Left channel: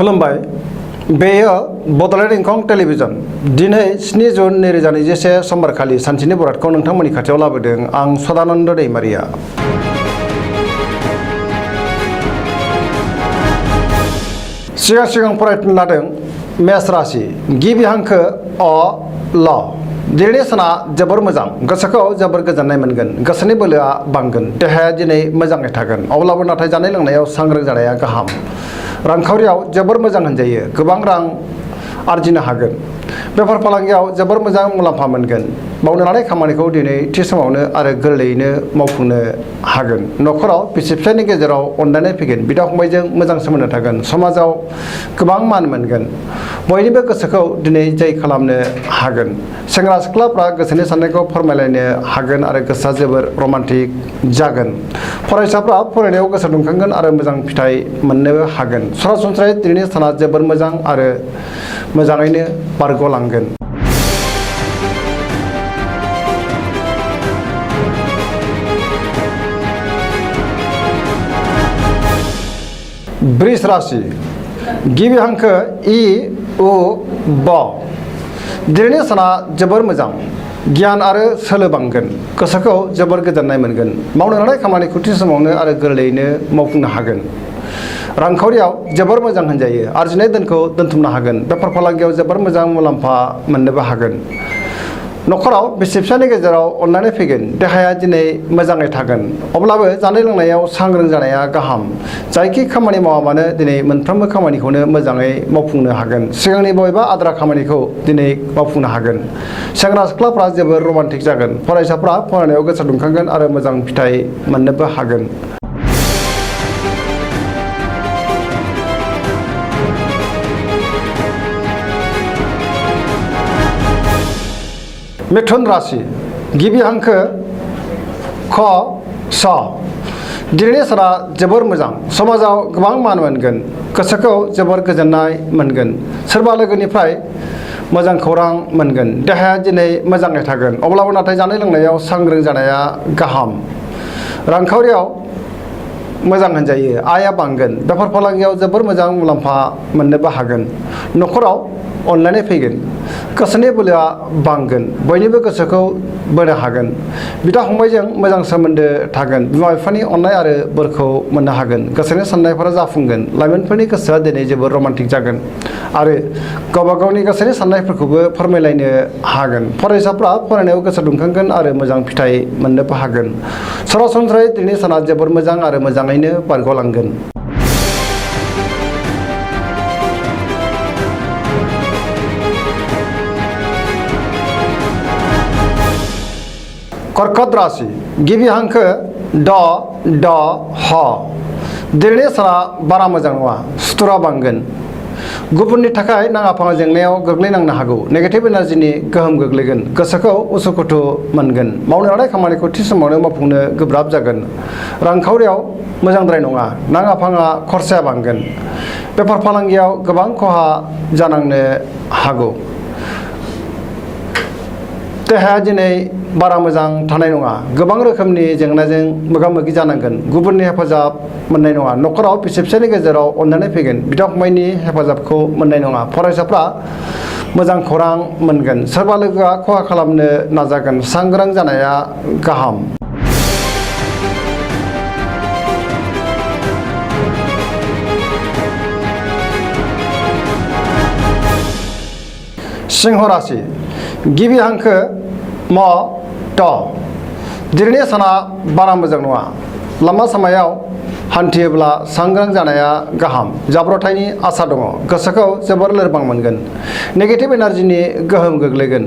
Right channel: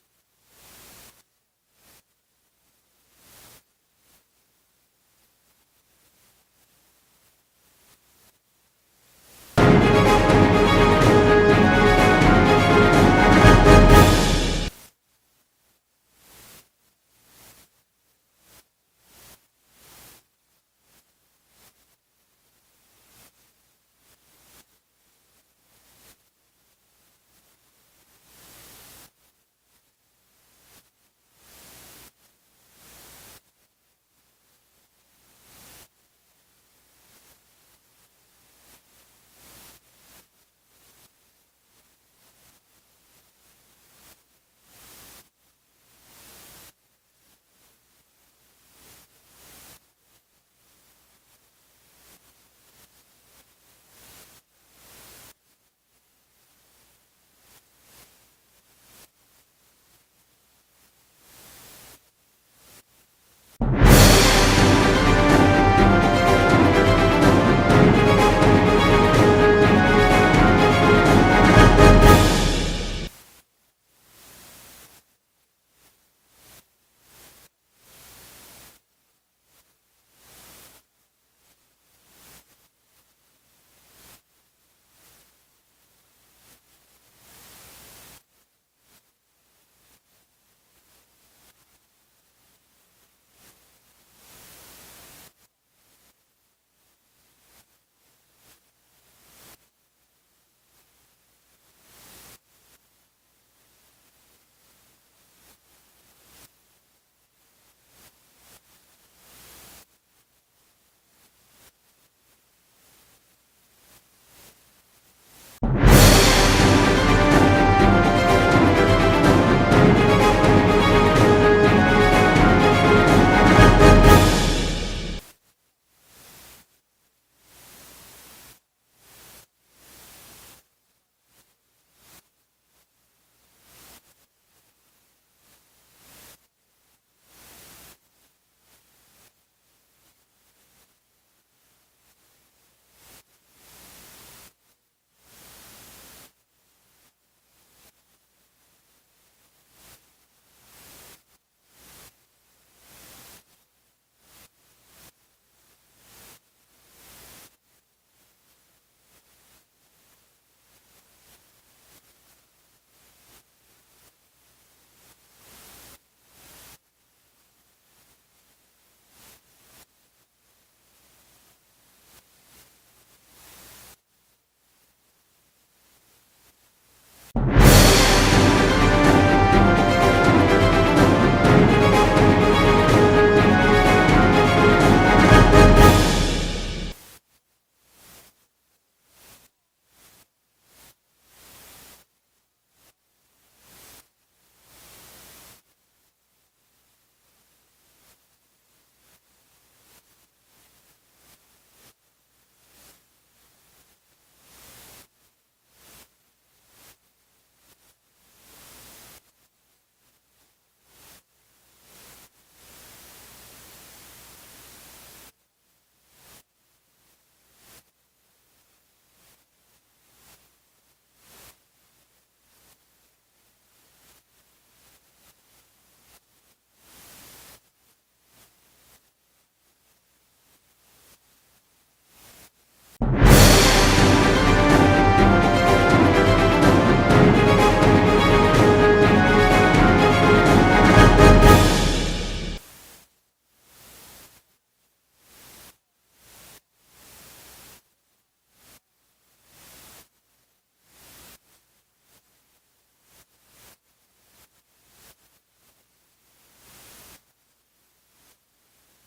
खुलुमबाय बेयो बड'लेण्ड इंखं टेलिभिजन दिनै 7 जुन 2021 समबारखालि सानसेनि बरादखौ नोंथांमोननि खाथियाव लाबोदों आं सदानन्द दैमारिया। सिगां फरायनो लादों मेष राशि गिबि हांखो अ ल दिनैनि साना जोबोर मोजां गोसोखौ जोबोर गोजोननाय मोनगोन गोसोनि बोलोआ बांगोन देहाया दिनै मोजाङै थागोन अब्लाबो नाथाय जानाय लोंनायाव सांग्रां जानाया गाहाम। रांखावरियाव जोबोर मोजां होनजायो गोबां रां आरजिनो हागोन बेफार फालांगियाव जोबोर मोजां मुलाम्फा मोनगोन मावनो लानाय खामानिखौ दिनै थि समावनो आरो गोरलैयैनो मावफुंनो हागोन। न'खराव बिसि फिसायनि गेजेराव अनलायनाय फैगोन बिदा फंबायजों मोजां सोमोन्दो थागोन समाजाव गोबां मान मोनगोन बयनिबो गोसोखौ दिनै जै खालामनो हागोन। सेंग्रा सिख्लाफ्रा गोसोनि साननायखौ फोरमायलायनो हागोन आरो गोसोआ जोबोर रमान्टिक जागोन। फरायसाफ्रा फरायनायाव गोसो दुंखांगोन आरो मोजां फिथाइ मोननो हागोन। सरासनस्रायै दिनैनि साना जोबोर मोजां आरो मोजाङैनो बारग'लांगोन। वृष राशि गिबि हांखो इ उ ब दिनैनि साना जोबोर मोजां गियान आरो सोलो बांगोन गोसोखौ जोबोर गोजोननाय मोनगोन मावनो लानाय खामानिखौ थि समावनो आरो गोरलैयैनो मावफुंनो हागोन। रांखावरियाव जोबोर मोजां होनजायो आरजिनाय धोनखौ दोनथुमनो हागोन बेफार फालांगियाव जोबोर मोजां मुलाम्फा मोननोबो हागोन। न'खराव बिसि फिसानि गेजेराव अनलायनाय फैगोन देहाया दिनै मोजाङै थागोन अब्लाबो जानाय लोंनायाव सांग्रां जानाया गाहाम। जायखि खामानि मावा मानो दिनै मोनफ्रोमबो खामानिखौनो मोजाङै मावफुंनो हागोन सिगांनि बबेबा आद्रा खामानिखौ दिनै मावफुंनो हागोन। सेंग्रा सिख्लाफ्रा जोबोर रमान्टिक जागोन फरायसाफ्रा फरायनायाव गोसो दुंखांगोन आरो मोजां फिथाइ मोननोबो हागोन। मिथुन राशि गिबि हांखो ख स दिनैनि साना जोबोर मोजां समाजाव गोबां मान मोनगोन गोसोखौ जोबोर गोजोननाय मोनगोन सोरबा लोगोनिफ्राय मोजां खौरां मोनगोन देहाया दिनै मोजाङै थागोन अब्लाबो नाथाय जानाय लोंनायाव सांग्रां जानाया गाहाम। रांखावरियाव मोजां होनजायो आयआ बांगोन बेफार फालांगियाव जोबोर मोजां मुलाम्फा मोननोबो हागोन। न'खराव अनलायनाय फैगोन गोसोनि बोलोआ बांगोन बयनिबो गोसोखौ बोनो हागोन। बिदा फंबायजों मोजां सोमोन्दो थागोन बिमा बिफानि अननाय आरो बोरखौ मोननो हागोन गोसोनि साननायफोरा जाफुंगोन। लाइमोनफोरनि गोसोआ दिनै जोबोर रमान्टिक जागोन आरो गावबा गावनि गोसोनि साननायफोरखौबो फोरमायलायनो हागोन। फरायसाफ्रा फरायनायाव गोसो दुंखांगोन आरो मोजां फिथाइ मोननोबो हागोन। सरासनस्रायै दिनैनि साना जोबोर मोजां आरो मोजाङैनो बारग'लांगोन। कर्कट राशि गिबि हांखो ड ड ह दिनैनि साना बारा मोजां नङा सुथुरा बांगोन गुबुननि थाखाय नाङा फाङा जेंनायाव गोग्लैनांनो हागौ नेगेटिभ एनार्जिनि गोहोम गोग्लैगोन गोसोखौ उसुखुथु मोनगोन मावनो लानाय खामानिखौ थि समावनो मावफुंनो गोब्राब जागोन। रांखावरियाव मोजांद्राय नङा नाङा फाङा खरसाया बांगोन बेफार फालांगियाव गोबां खहा जानांनो हागौ। देहाया दिनै बारा मोजां थानाय नङा गोबां रोखोमनि जेंनाजों मोगा मोगि जानांगोन गुबुननि हेफाजाब मोननाय नङा। न'खराव बिसि फिसायनि गेजेराव अनलायनाय फैगोन बिदा फंबायनि हेफाजाबखौ मोननाय नङा। फरायसाफ्रा मोजां खौरां मोनगोन सोरबा लोगोआ खहा खालामनो नाजागोन सांग्रां जानाया गाहाम। सिंह राशि गिबि हांखो म ट दिनैनि साना बारा मोजां नङा लामा सामायाव हान्थियोब्ला सांग्रां जानाया गाहाम। जाब्रथायनि आसा दङ गोसोखौ जोबोर लोरबां मोनगोन नेगेटिभ एनार्जिनि गोहोम गोग्लैगोन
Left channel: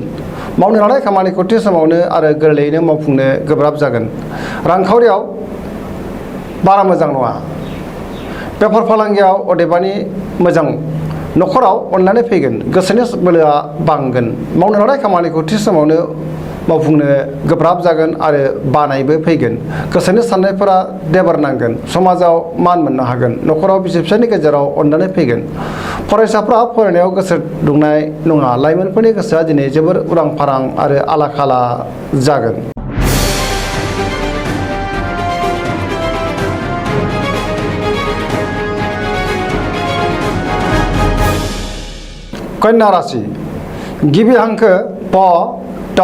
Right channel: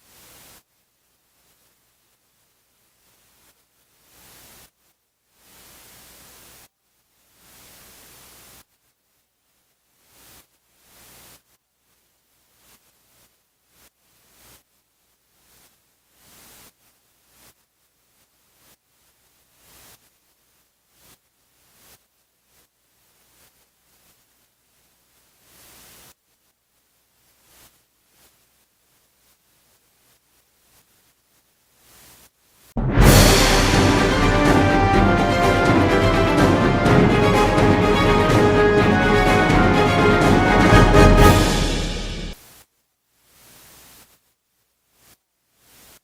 मावनो लानाय खामानिखौ थि समावनो आरो गोरलैयैनो मावफुंनो गोब्राब जागोन। रांखावरियाव बारा मोजां नङा बेफार फालांगियाव अदेबानि मोजां। न'खराव अनलायनाय फैगोन गोसोनि बोलोआ बांगोन मावनो लानाय खामानिखौ थि समावनो मावफुंनो गोब्राब जागोन आरो बानायबो फैगोन गोसोनि साननायफोरा देबार नांगोन समाजाव मान मोननो हागोन। न'खराव बिसि फिसायनि गेजेराव अनलायनाय फैगोन फरायसाफ्रा फरायनायाव गोसो दुंनाय नङा लाइमोनफोरनि गोसोआ दिनै जोबोर उरां फारां आरो आला खाला जागोन। कन्या राशि गिबि हांखो प ट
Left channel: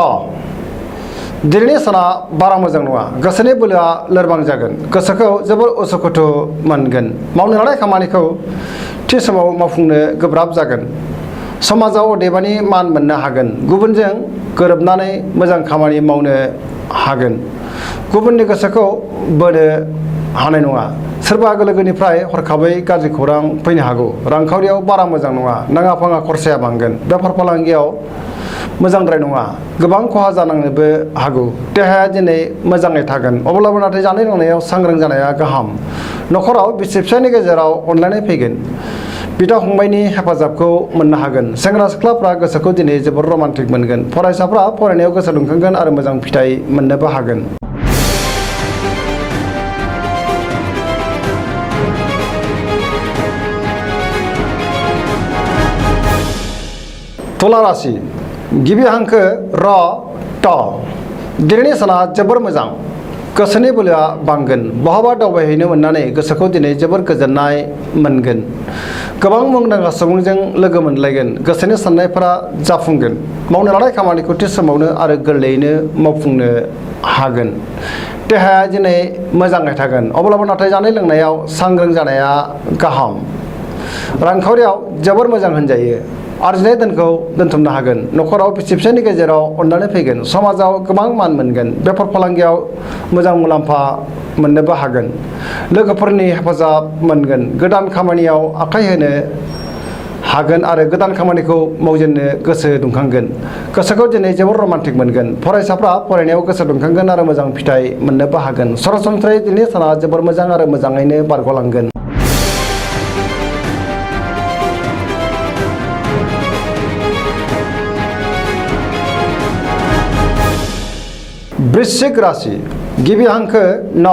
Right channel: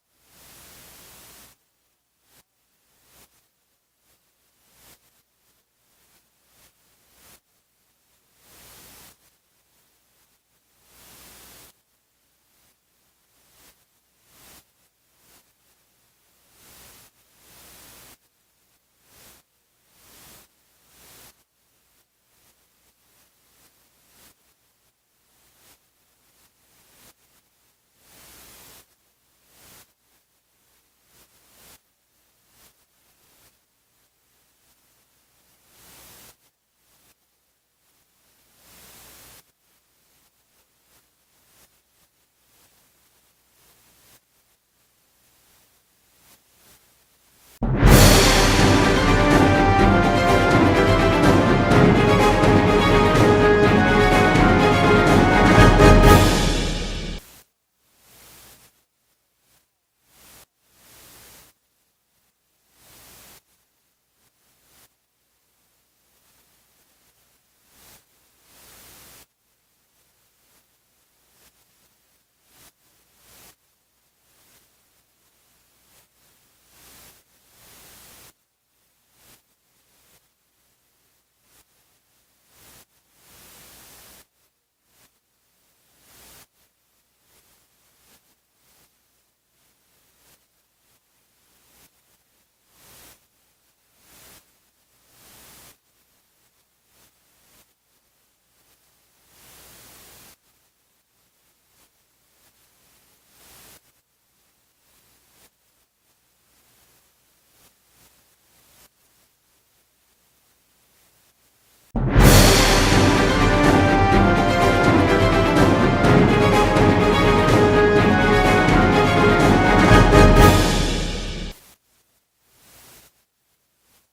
दिनैनि साना बारा मोजां नङा गोसोनि बोलोआ लोरबां जागोन गोसोखौ जोबोर उसुखुथु मोनगोन मावनो लानाय खामानिखौ थि समाव मावफुंनो गोब्राब जागोन समाजाव अदेबानि मान मोननो हागोन गुबुनजों गोरोबनानै मोजां खामानि मावनो हागोन गुबुननि गोसोखौ बोनो हानाय नङा सोरबा लोगोनिफ्राय हरखाबै गाज्रि खौरां फैनो हागौ रांखावरियाव बारा मोजां नङा नाङा फाङा खरसाया बांगोन बेफार फालांगियाव मोजांद्राय नङा गोबां खहा जानांनोबो हागौ देहाया दिनै मोजाङै थागोन अब्लाबो नाथाय जानाय लोंनायाव सांग्रां जानाया गाहाम नखराव बिसि फिसायनि गेजेराव अनलायनाय फैगोन बिदा फंबायनि हेफाजाबखौ मोननो हागोन सेंग्रा सिख्लाफ्रा गोसोखौ दिनै जोबोर रमान्टिक मोनगोन फरायसाफ्रा फरायनायाव गोसो दुंखांगोन आरो मोजां फिथाइ मोननोबो हागोन तुला राशि गिबि हांखो र ट दिनैनि साना जोबोर मोजां गोसोनि बोलोआ बांगोन बहाबा दावबायहैनो मोननानै गोसोखौ दिनै जोबोर गोजोननाय मोनगोन गोबां मुंदांखा सुबुंजों लोगो मोनलायगोन गोसोनि साननायफोरा जाफुंगोन मावनो लानाय खामानिखौ थि समावनो आरो गोरलैयैनो मावफुंनो हागोन देहाया दिनै मोजाङै थागोन अब्लाबो नाथाय जानाय लोंनायाव सांग्रां जानाया गाहाम रांखावरियाव जोबोर मोजां होनजायो आरजिनाय धोनखौ दोनथुमनो हागोन नखराव बिसि फिसायनि गेजेराव अनलायनाय फैगोन समाजाव गोबां मान मोनगोन बेफार फालांगियाव मोजां मुलाम्फा मोननोबो हागोन लोगोफोरनि हेफाजाब मोनगोन गोदान खामानियाव आखाइ होनो हागोन आरो गोदान खामानिखौ मावजेननो गोसो दुंखांगोन गोसोखौ दिनै जोबोर रमान्टिक मोनगोन फरायसाफ्रा फरायनायाव गोसो दुंखांगोन आरो मोजां फिथाइ मोननोबो हागोन सरासनस्रायै दिनैनि साना जोबोर मोजां आरो मोजाङैनो बारग'लांगोन वृश्चिक राशि गिबि हांखो न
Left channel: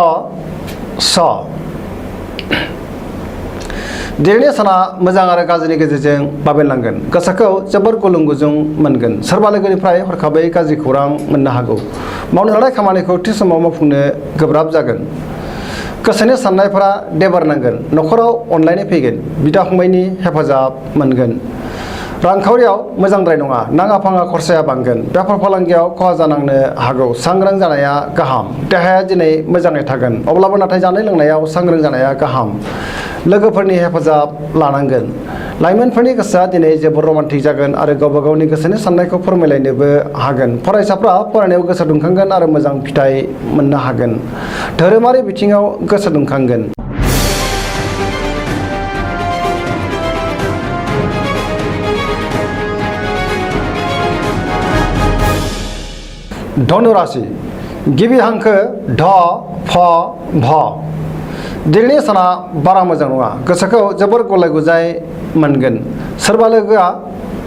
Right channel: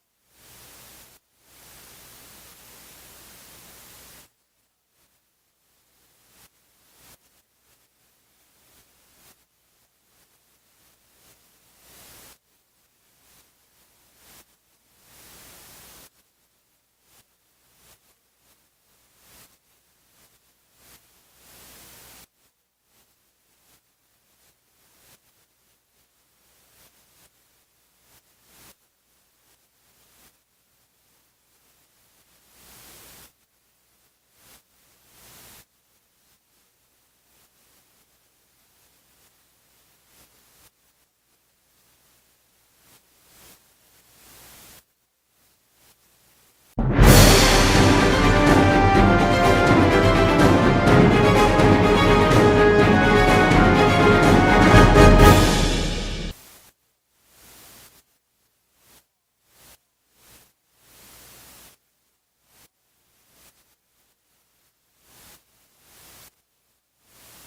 स दिनैनि साना मोजां आरो गाज्रिनि गेजेरजों बाबेनलांगोन गोसोखौ जोबोर गुलुं गुजुं मोनगोन सोरबा लोगोनिफ्राय हरखाबै गाज्रि खौरां मोननो हागौ मावनो लानाय खामानिखौ थि समाव मावफुंनो गोब्राब जागोन गोसोनि साननायफोरा देबारनांगोन नखराव अनलायनाय फैगोन बिदा फंबायनि हेफाजाब मोनगोन रांखावरियाव मोजांद्राय नङा नाङा फाङा खरसाया बांगोन बेफार फालांगियाव खहा जानांनो हागौ सांग्रां जानाया गाहाम देहाया दिनै मोजाङै थागोन अब्लाबो नाथाय जानाय लोंनायाव सांग्रां जानाया गाहाम लोगोफोरनि हेफाजाब लानांगोन लाइमोनफोरनि गोसोआ दिनै जोबोर रमान्टिक जागोन आरो गावबा गावनि गोसोनि साननायखौ फोरमायलायनोबो हागोन फरायसाफ्रा फरायनायाव गोसो दुंखांगोन आरो मोजां फिथाइ मोननो हागोन धोरोमारि बिथिङाव गोसो दुंखांगोन धनु राशि गिबि हांखो ढ फ भ दिनैनि साना बारा मोजां नङा गोसोखौ जोबोर गलाय गुजाय मोनगोन सोरबा लोगोआ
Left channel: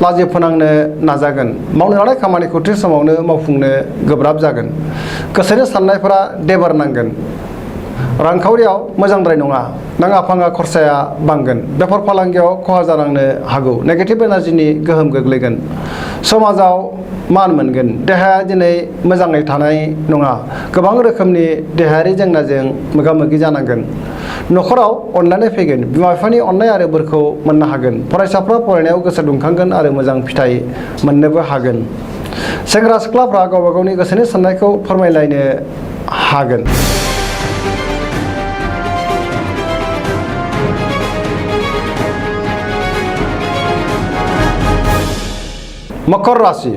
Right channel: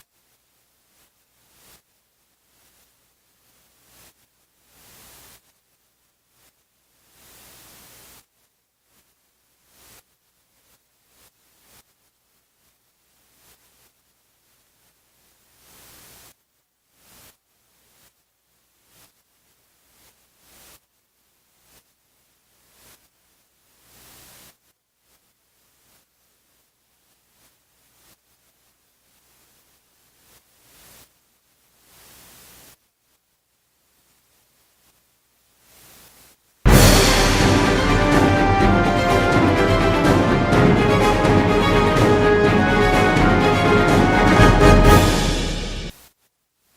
लाजि फोनांनो नाजागोन मावनो लानाय खामानिखौ थि समावनो मावफुंनो गोब्राब जागोन गोसोनि साननायफोरा देबारनांगोन रांखावरियाव मोजांद्राय नङा नाङा फाङा खरसाया बांगोन बेफार फालांगियाव खहा जानांनो हागौ नेगेटिभ एनार्जिनि गोहोम गोग्लैगोन समाजाव मान मोनगोन देहाया दिनै मोजाङै थानाय नङा गोबां रोखोमनि देहायारि जेंनाजों मोगा मोगि जानांगोन नखराव अनलायनाय फैगोन बिमा बिफानि अननाय आरो बोरखौ मोननो हागोन फरायसाफ्रा फरायनायाव गोसो दुंखांगोन आरो मोजां फिथाइ मोननोबो हागोन सेंग्रा सिख्लाफ्रा गावबा गावनि गोसोनि साननायखौ फोरमायलायनो हागोन मकर राशि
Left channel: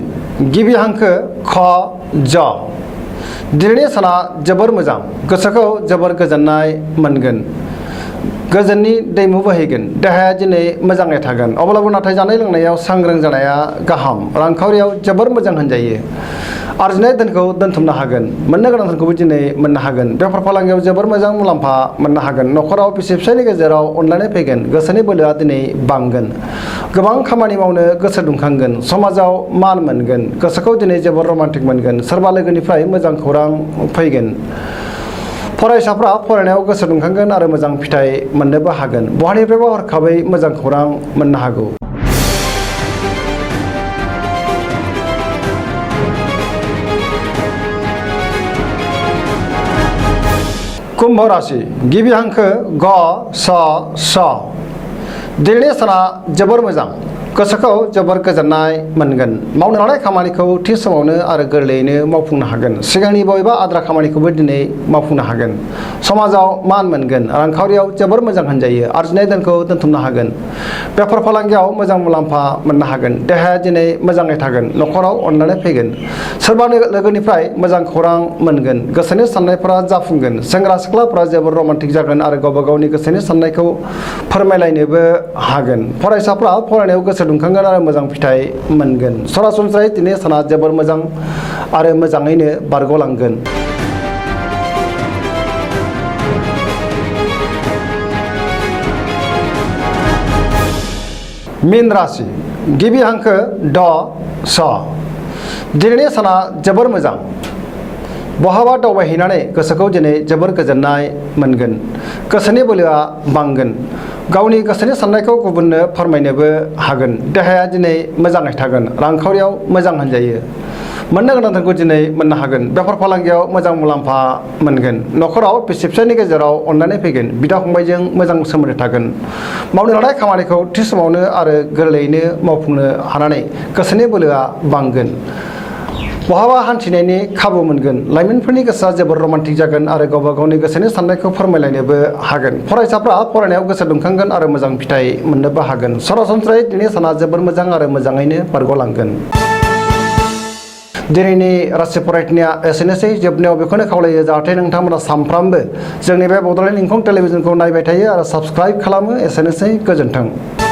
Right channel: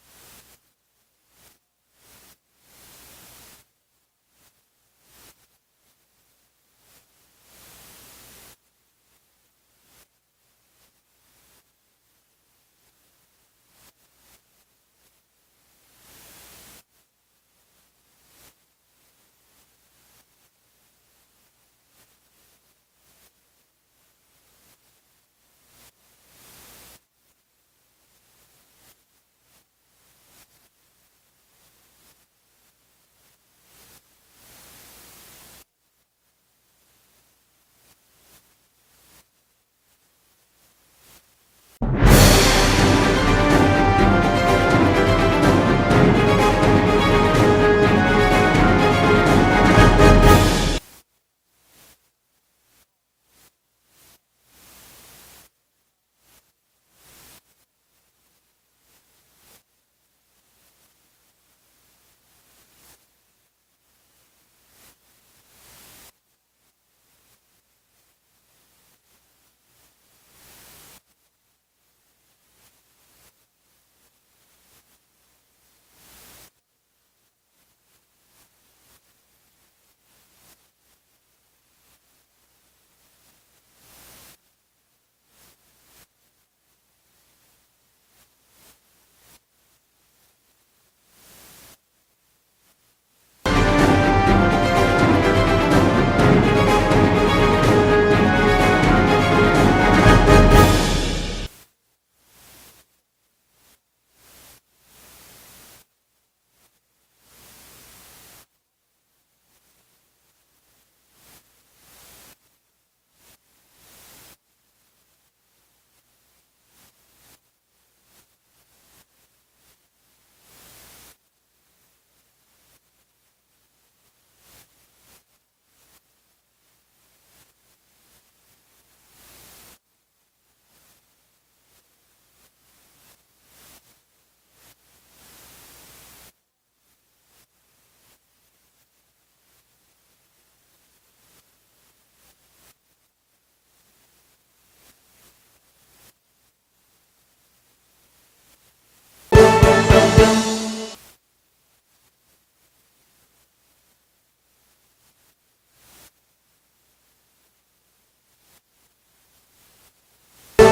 गिबि हांखो ख ज दिनैनि साना जोबोर मोजां गोसोखौ जोबोर गोजोननाय मोनगोन गोजोननि दैमु बोहैगोन देहाया दिनै मोजाङै थागोन अब्लाबो नाथाय जानाय लोंनायाव सांग्रां जानाया गाहाम रांखावरियाव जोबोर मोजां होनजायो आरजिनाय धोनखौ दोनथुमनो हागोन मोननो गोनां धोनखौबो दिनै मोननो हागोन बेफार फालांगियाव जोबोर मोजां मुलाम्फा मोननो हागोन नखराव बिसि फिसायनि गेजेराव अनलायनाय फैगोन गोसोनि बोलोआ दिनै बांगोन गोबां खामानि मावनो गोसो दुंखांगोन समाजाव मान मोनगोन गोसोखौ दिनै जोबोर रमान्टिक मोनगोन सोरबा लोगोनिफ्राय मोजां खौरां फैगोन फरायसाफ्रा फरायनायाव गोसो दुंखांगोन आरो मोजां फिथाइ मोननोबो हागोन बहानिफ्रायबा हरखाबै मोजां खौरां मोननो हागौ कुंभ राशि गिबि हांखो ग स स दिनैनि साना जोबोर मोजां गोसोखौ जोबोर गोजोननाय मोनगोन। मावनो लानाय खामानिखौ थि समावनो आरो गोरलैयैनो मावफुंनो हागोन। सिगांनि बबेबा आद्रा खामानिखौबो दिनै मावफुंनो हागोन। समाजाव मान मोनगोन। रांखावरियाव जोबोर मोजां होनजायो। आरजिनाय धोनखौ दोनथुमनो हागोन। बेफार फालांगियाव मोजां मुलाम्फा मोननो हागोन। देहाया दिनै मोजाङै थागोन। न'खराव अननानै फैगोन। सोरबा लोगोनिफ्राय मोजां खौरां मोनगोन। गोसोनि साननायफोरा जाफुंगोन। सेंग्रा सिख्लाफोरा जोबोर रमान्टिक जागोन आरो गावबा गावनि गोसोनि साननायखौ फोरमायलायनोबो हागोन। फरायसाफ्रा फरायनायाव गोसो दुंखांगोन आरो मोजां फिथाइ मोनगोन। सरासनस्रायै दिनै साना जोबोर मोजां आरो मोजाङैनो बारग'लांगोन। मीन राशि गिबि हांखो ड स। दिनैनि साना जोबोर मोजां। बहाबा दावबायहैनानै गोसोखौ दिनै जोबोर गोजोननाय मोनगोन। गोसोनि बोलोआ बांगोन। गावनि गोसोनि साननायखौ गुबुननो फोरमायनोबो हागोन। देहाया दिनै मोजाङै थागोन। रांखावरियाव मोजां होनजायो। मोननो गोनां धोनखौ दिनै मोननो हागोन। बेफार फालांगियाव मोजां मुलाम्फा मोनगोन। न'खराव बिसि फिसायनि गेजेराव अननानै फैगोन। बिदा फंबायजों मोजां सोमोन्दो थागोन। मावनो लानाय खामानिखौ थि समावनो आरो गोरलैयैनो मावफुंनो हानानै गोसोनि बोलोआ बांगोन। बहाबा हान्थिनायनि खाबु मोनगोन। लाइमोनफोरनि गोसोआ जोबोर रमान्टिक जागोन आरो गावबा गावनि गोसोनि साननायखौ फोरमायलायनोबो हागोन। फरायसाफ्रा फरायनायाव गोसो दुंखांगोन आरो मोजां फिथाइ मोननोबो हागोन। सरासनस्रायै दिनै साना जोबोर मोजां आरो मोजाङैनो बारग'लांगोन। दिनैनि राशि फरायनाया एसेनोसै। जोबनायाव बेखौनो खावलायो जाहाथे नोंथांमोना सानफ्रामबो जोंनि बे बड'लेण्ड इंखं टेलिभिजनखौ नायबाय थायो आरो साबस्क्राइब खालामो। एसेनोसै, गोजोन्थों।